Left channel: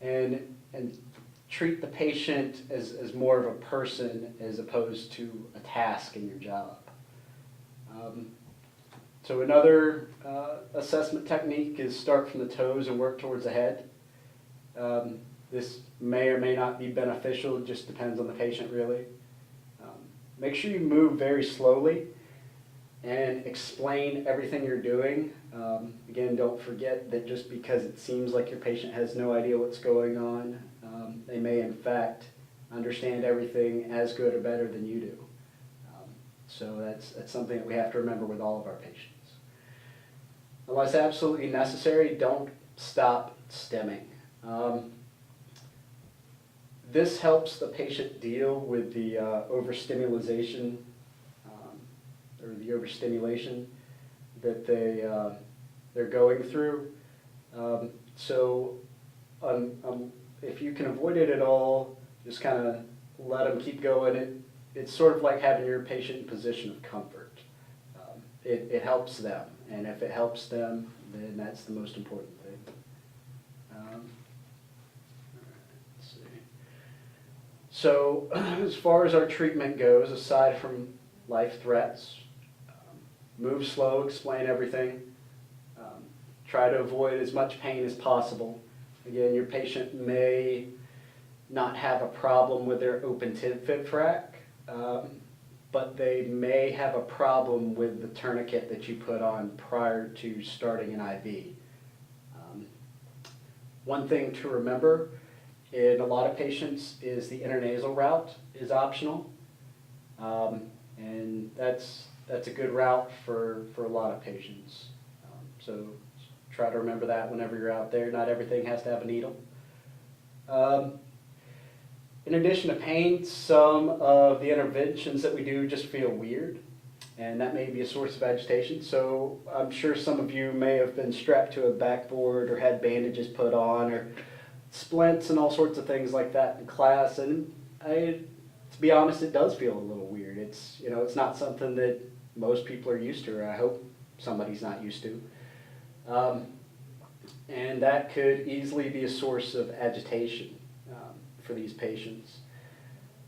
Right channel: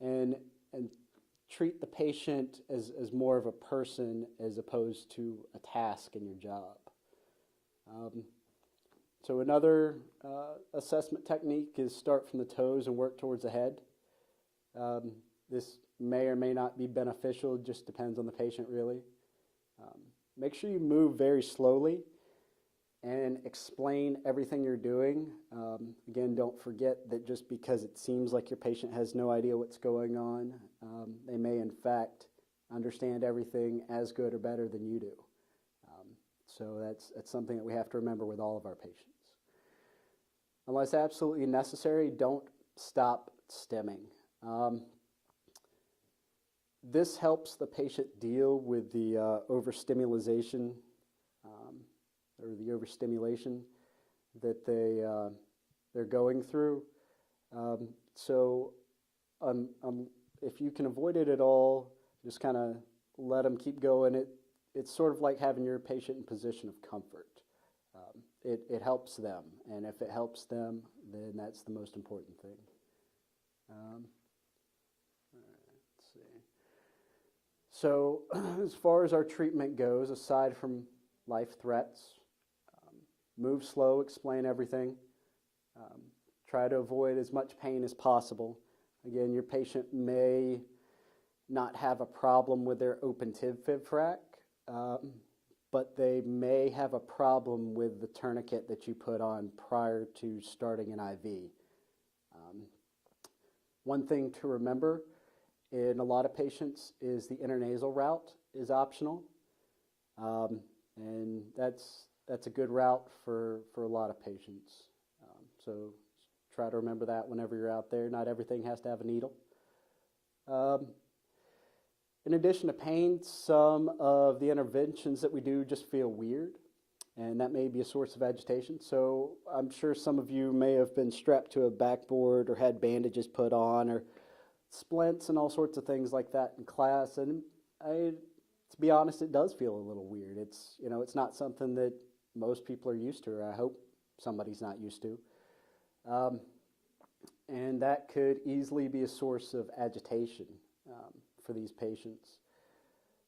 and treat the patient as more of a person as opposed to a task in your job. So another assessment technique is start from the toes and work towards the head. This may or may not be beneficial, just depends on the patient really. Make sure you move very slowly and explain everything you're doing. Again, don't forget that just because it seems like your patient has no idea what's going on, they may in fact understand everything as good or better than you do. So that's something that we have to remember with all of our patients. Unless absolutely necessary, don't stop stimming. This helps the patient deal with the overstimulation or the overstimulation that they're going through. If you can avoid it at all, just kind of let them keep going. It's sort of like having your patient in a position of comfort. It helps them, and if it helps them, then that's the most important thing. Let's see. So as far as our treatment goes, aside from life threats, move slow, explain everything. Try to avoid as much pain as possible. Again, your patient may not have a problem with their open tib-fib frac, but they may have a problem with the tourniquet that you put on prior to starting an IV. One thing to remember in a lot of patients is the intranasal route is optional, and that's a good route for a lot of patients. So try to remember that whenever you're out there. Not everything has to have a needle. In addition to pain, some of the interventions that we do just feel weird, and that may be a source of agitation. So I'm sure some of you may have been strapped to a backboard or had bandages put on or splints and all sorts of things like that in class, and to be honest, it does feel a little weird. It's not something that most people are used to, or I hope somebody's not used to. And that could easily be a source of agitation for these patients.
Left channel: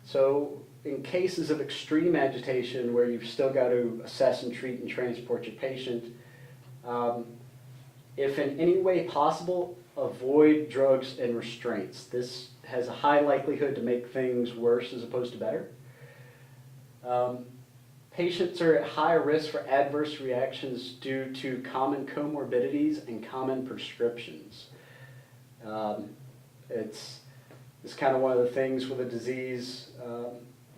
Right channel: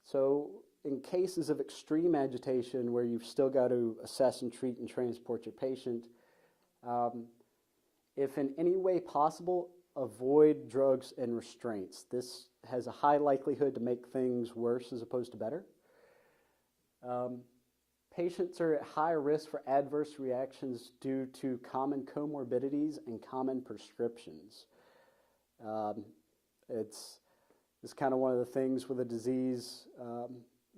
So in cases of extreme agitation where you've still got to assess and treat and transport your patient, if in any way possible, avoid drugs and restraints. This has a high likelihood to make things worse as opposed to better. Patients are at higher risk for adverse reactions due to common comorbidities and common prescriptions. It's kind of one of the things with a disease,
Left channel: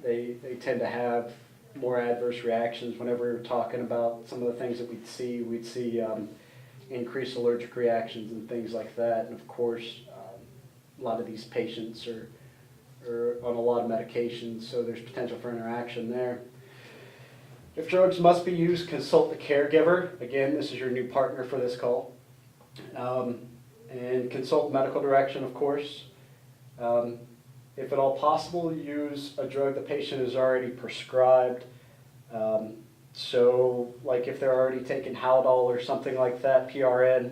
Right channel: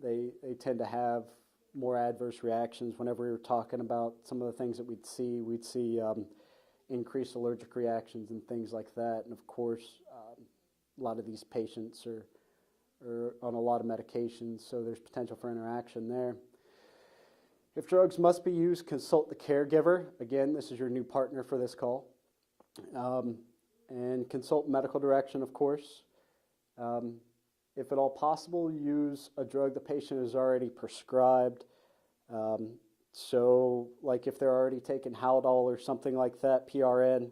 they tend to have more adverse reactions. Whenever we were talking about some of the things that we'd see increased allergic reactions and things like that. And of course, a lot of these patients are on a lot of medications, so there's potential for interaction there. If drugs must be used, consult the caregiver. Again, this is your new partner for this call. And consult medical direction, of course. If at all possible, use a drug the patient is already prescribed. So like if they're already taking Haldol or something like that, PRN,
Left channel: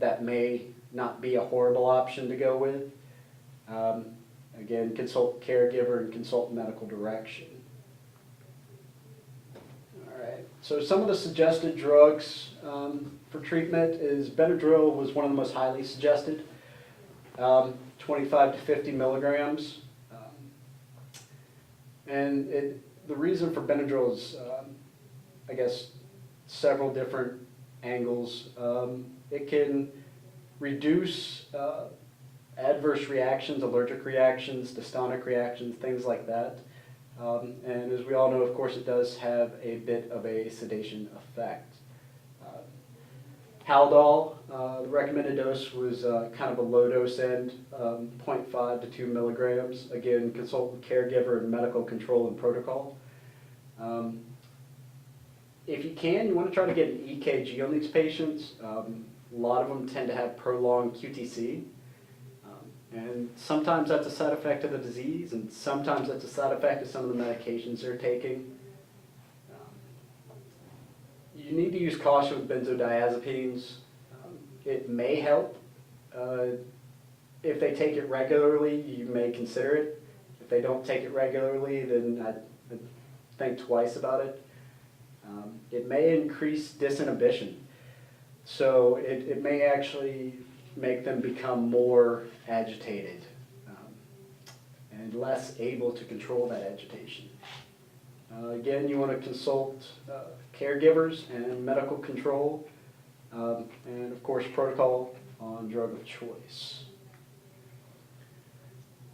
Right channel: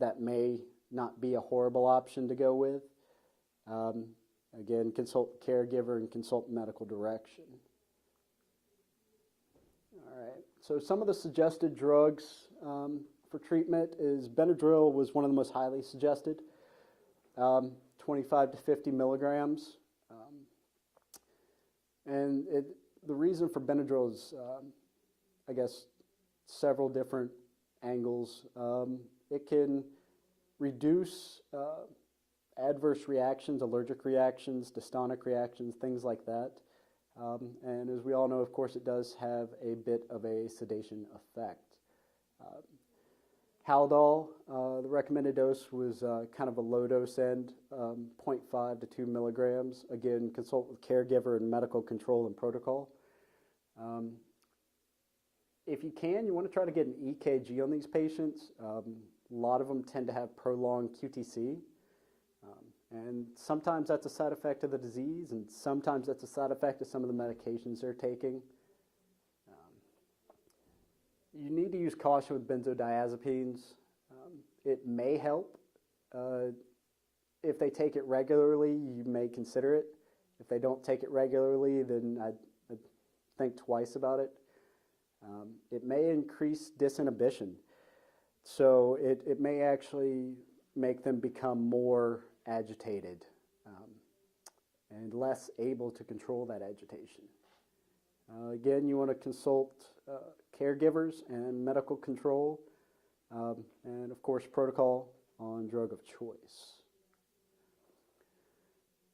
that may not be a horrible option to go with. Again, consult the caregiver and consult medical direction. So some of the suggested drugs for treatment is Benadryl was one of the most highly suggested, 25 to 50 milligrams. And the reason for Benadryl is, I guess, several different angles. It can reduce adverse reactions, allergic reactions, dystonic reactions, things like that. And as we all know, of course, it does have a bit of a sedation effect. Haldol, the recommended dose was kind of a low dose end, 0.5 to 2 milligrams. Again, consult the caregiver and medical control and protocol. If you can, you want to try to get an EKG on these patients. A lot of them tend to have prolonged QTC. And sometimes that's a side effect of the disease, and sometimes that's a side effect of some of the medications they're taking. You need to use caution with benzodiazepines. It may help If they take it regularly, you may consider it. If they don't take it regularly, then I'd think twice about it. It may increase disinhibition. So it may actually make them become more agitated and less able to control that agitation. Again, you want to consult caregivers and medical control, and of course protocol on drug of choice.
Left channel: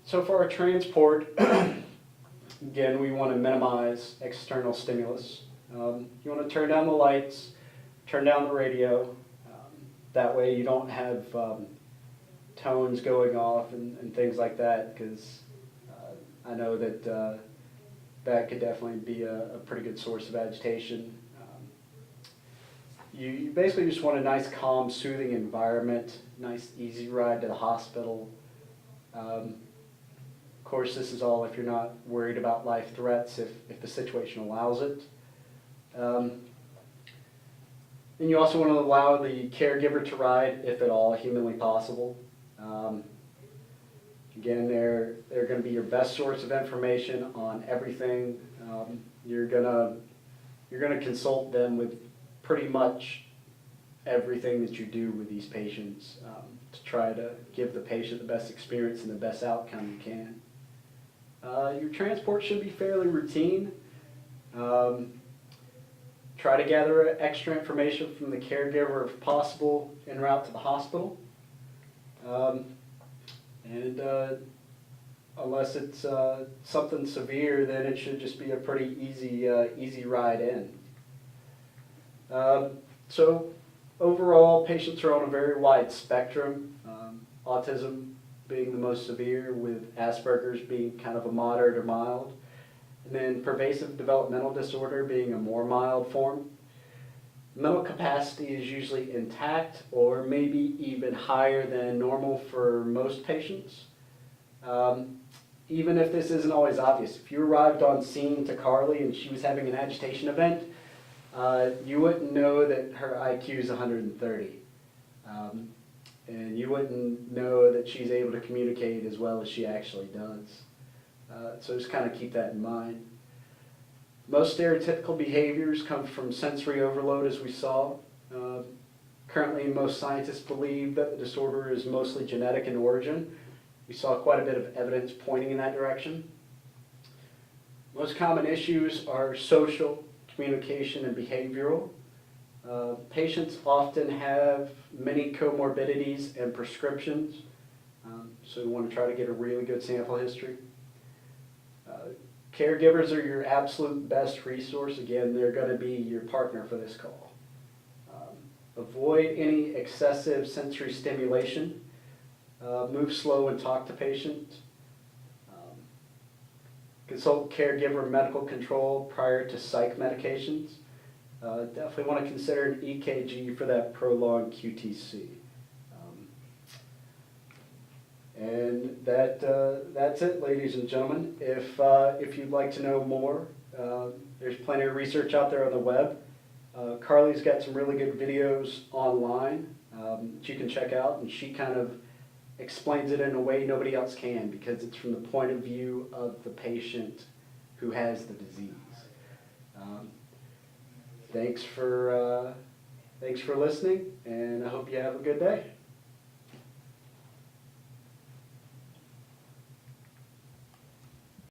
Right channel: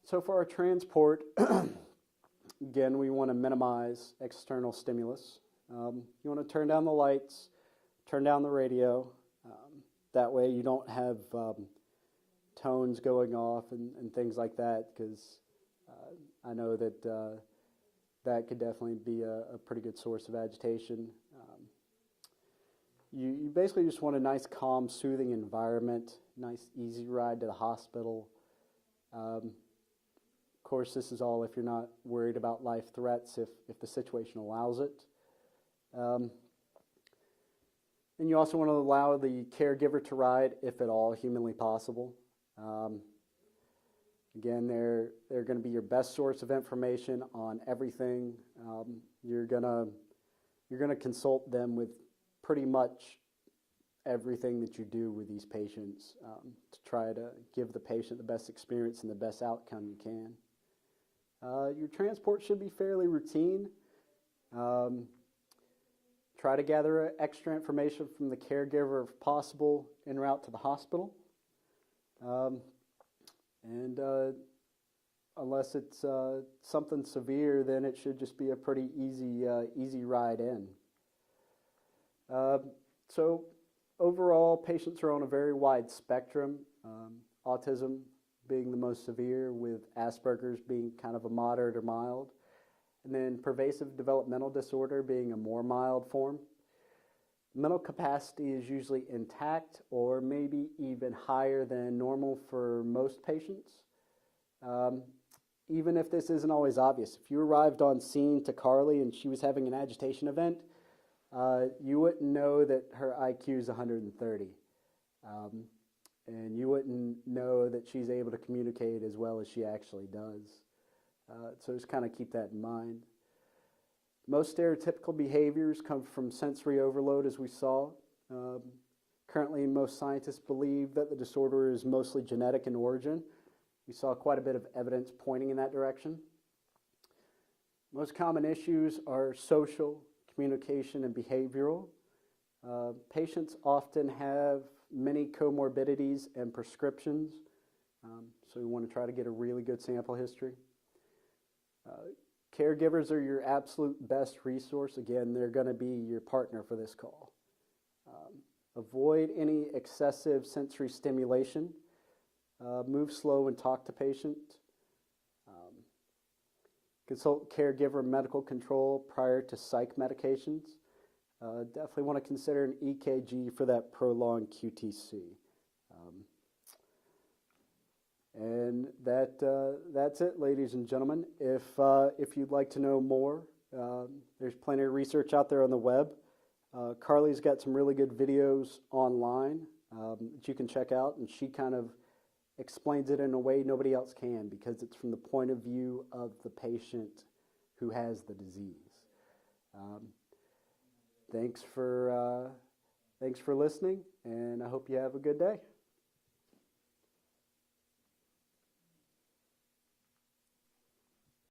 So for our transport, again, we want to minimize external stimulus. You want to turn down the lights, turn down the radio. That way you don't have tones going off and things like that, because I know that that could definitely be a pretty good source of agitation. You basically just want a nice, calm, soothing environment, nice, easy ride to the hospital. Of course, this is all if you're not worried about life threats, if the situation allows it. And you also want to allow the caregiver to ride, if at all humanly possible. Again, they're going to be your best source of information on everything. You're gonna consult them with pretty much everything that you do with these patients to try to give the patient the best experience and the best outcome you can. Your transport should be fairly routine. Try to gather extra information from the caregiver if possible en route to the hospital. Unless it's something severe, then it should just be a pretty easy ride in. So overall, patients are on a very wide spectrum. Autism being the most severe, with Asperger's being kind of a moderate or mild. And then pervasive developmental disorder being a more mild form. Mental capacity is usually intact or maybe even higher than normal for most patients. Even if this isn't always obvious. If you arrived on scene to Carly and she was having an agitation event, you wouldn't know that her IQ is 130. And you wouldn't know that she's able to communicate as well as she actually does. So just kind of keep that in mind. Most stereotypical behaviors come from sensory overload, as we saw. Currently, most scientists believe that the disorder is mostly genetic in origin. We saw quite a bit of evidence pointing in that direction. Most common issues are social, communication, and behavioral. Patients often have many comorbidities and prescriptions, so we want to try to get a really good sample history. Caregivers are your absolute best resource. Again, they're going to be your partner for this call. Avoid any excessive sensory stimulation. Move slow and talk to patient. Consult caregiver medical control prior to psych medications. Definitely want to consider an EKG for that prolonged QTC. And that's it, ladies and gentlemen. If you'd like to know more, there's plenty of research out there on the web. Carly's got some really good videos online that you can check out, and she kind of explains it in a way nobody else can, because it's from the point of view of the patient who has the disease. Thanks for listening, and I hope you have a good day.